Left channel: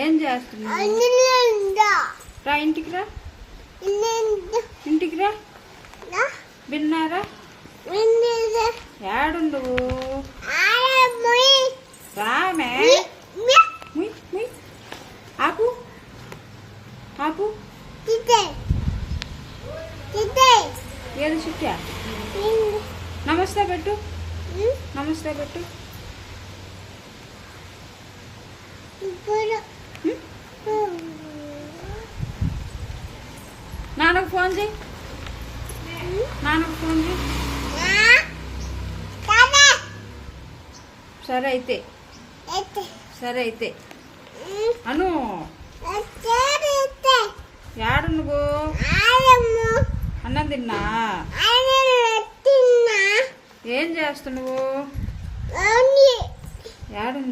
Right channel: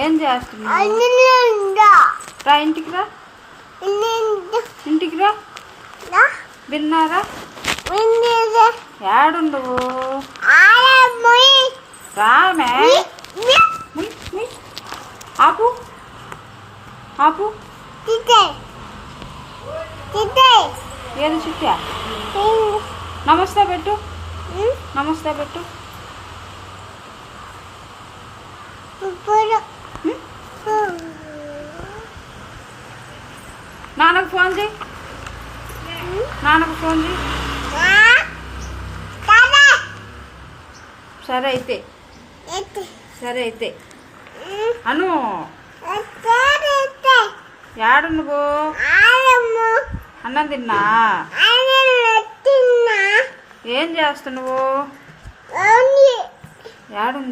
ఏం చేస్తున్నావు? రా ఇంటికి రా. ఇంటికి రా. విన్నారా? ఏడుండవు రామే. ఆపు ఆపు. ఏది చుట్టా? నమస్తే పెట్టు. నమస్తే పెట్టు. నాన్నకు ఫోన్ చేయి. నాన్నకు ఫోన్ చేయి. సరే అయితే. సరే అయితే అను. యాడు నువ్వు? అన్నం తిన్నా. ఏం చేస్తున్నావు? యాడుంది?